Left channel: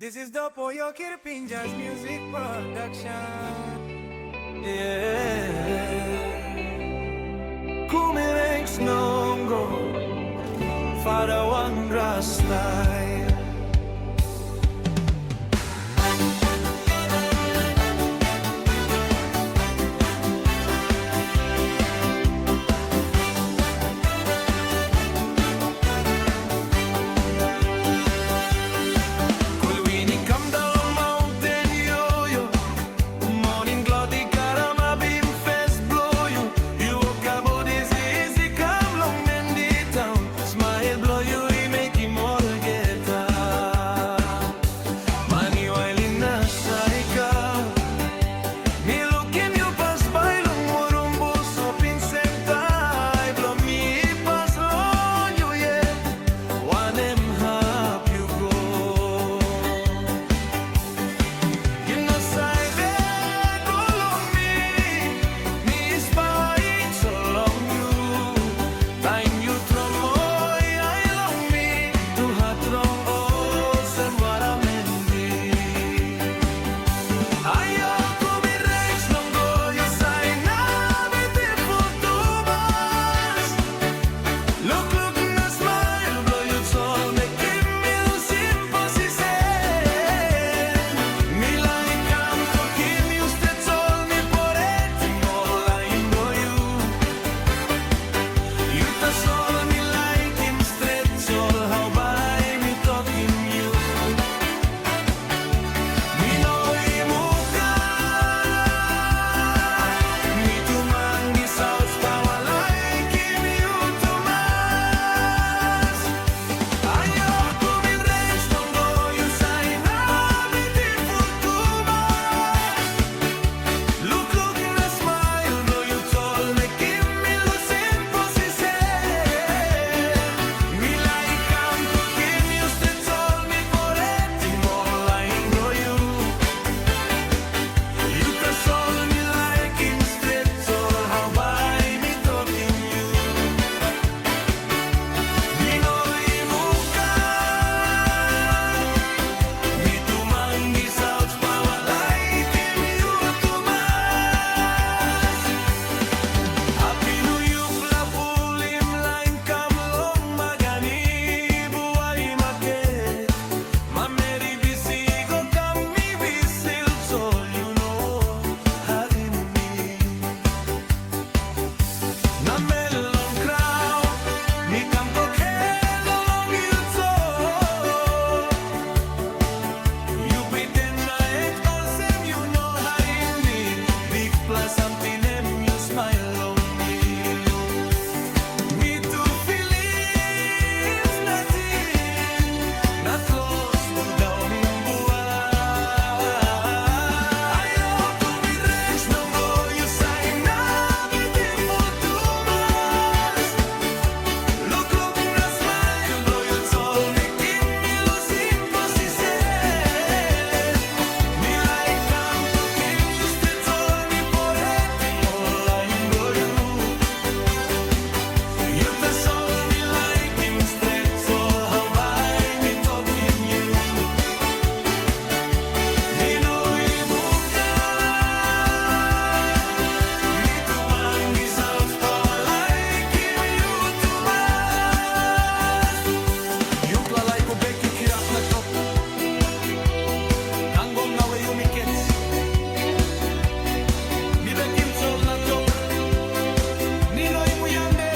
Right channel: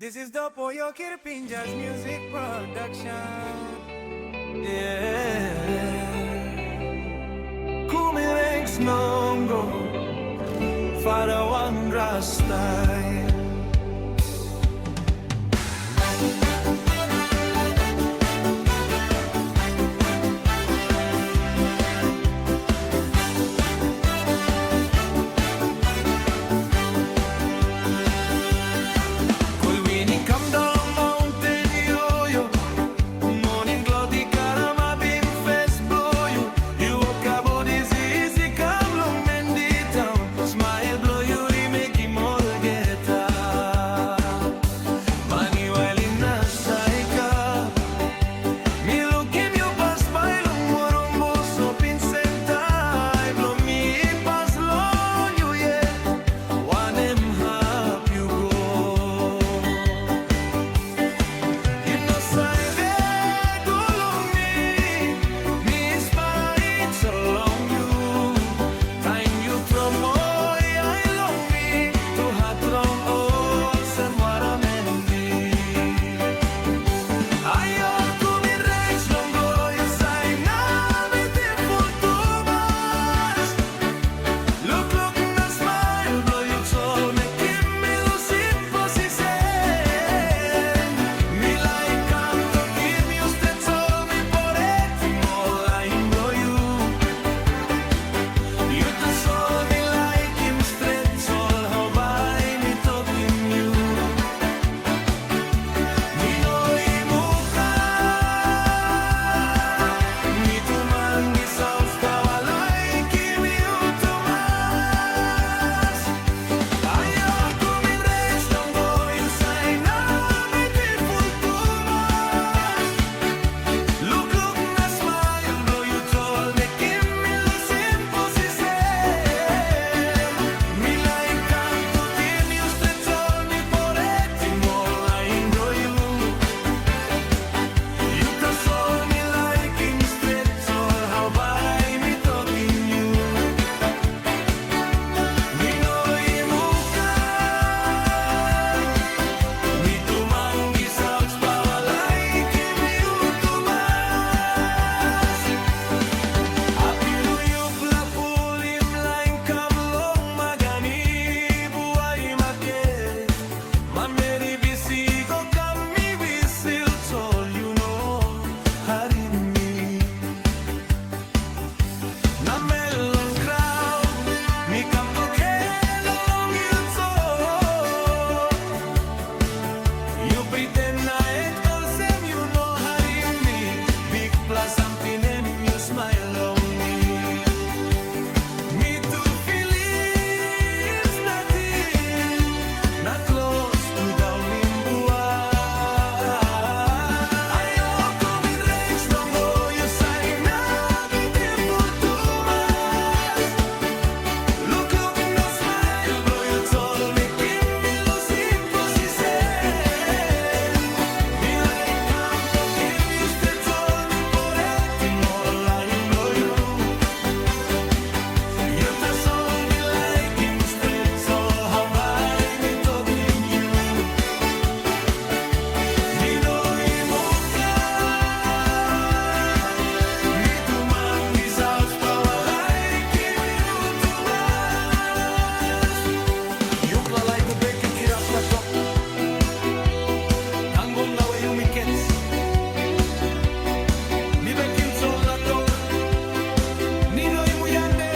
This is the Poyo Kirpinjas music production. Yeah. Kumirengs nongo Father Wandra style. Something and you smile on me. Me too feel it's nothing, not close to down in buhay. Ayoko mirengs nongo you say na beautiful too much. Look na smile, blow you told me give me lose imposition. Me like I'm talking you stay told me for it. Blow you. You touch all me like him straight all how by me talking you. Me know imuka. Me too mangi south power like him you too much. You klalay ko beg you kirap na tok. Tanggom na way you me kets. Mi bekim sol na tok. Ninoy mo yande